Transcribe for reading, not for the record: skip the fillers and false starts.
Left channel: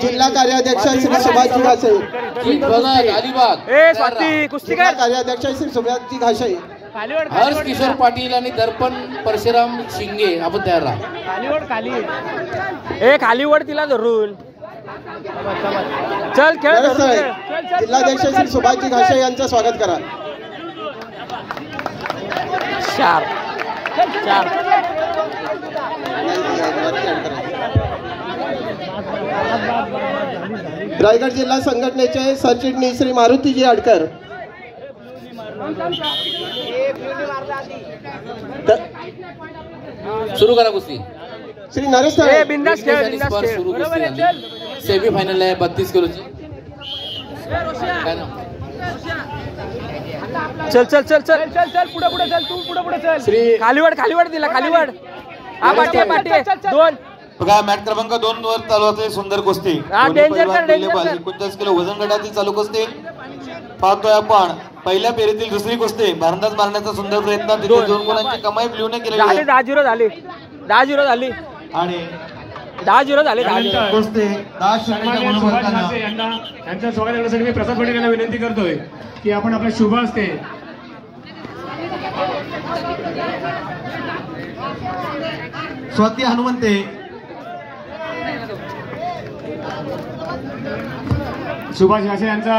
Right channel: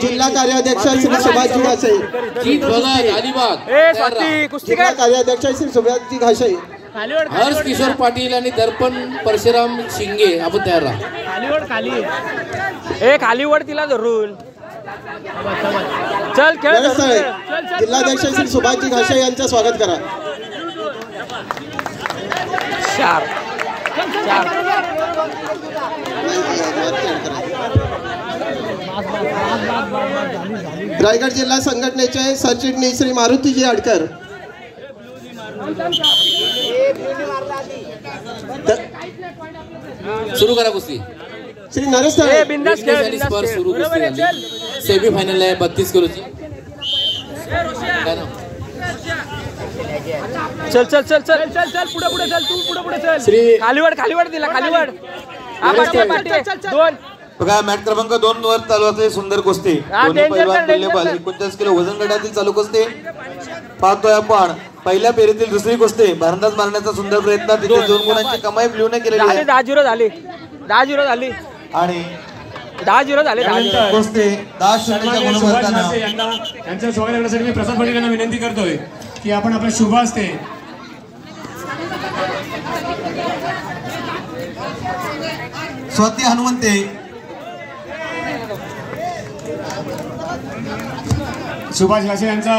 जिल्हा कार्याध्यक्ष श्री सुभाषजी घासे, जिल्हा कार्याध्यक्ष श्री सुभाषजी घासे, हर्ष किशोर पाटील आणि दर्पण परशुराम शिंगे आपण तयार राहा। खालीवड तिला धरून चल खेळ। जिल्हाध्यक्ष श्री सुभाषजी घासे यांचं स्वागत करा। चार रायगड जिल्हा संघटनेचे सरचिटणीस श्री मारुतीजी आडकर, सुरू करा कुस्ती। श्री नरेश सेमी फायनल आहे 32 किलोची। चल चल चल चल चल पुढे चल, तू पुढे चल। खालीवड दिला, खालीवड दोन। बघा मॅच क्रमांक 2 वर चालू असलेली सुंदर कुस्ती, 49 किलो वजन गटातील चालू कुस्ती पाहतोय आपण। पहिल्या फेरीतील दुसरी कुस्ती भारंदाज मारण्याचा सुंदर प्रयत्न, तिथे 2 गुणांची कमाई ब्ल्यूने केलेली आहे। 10-0 झाली 10-0 झाली आणि 10-0 झाले। 10 कुस्ती 10 षटकाच्या गुणवत्ताने त्यांच्या स्वागत करण्यासाठी मी प्रसाद पाटील यांना विनंती करतोय की आपण आपल्या शुभ हस्ते स्वाती हनुमंते, सुभाष घासे यांचा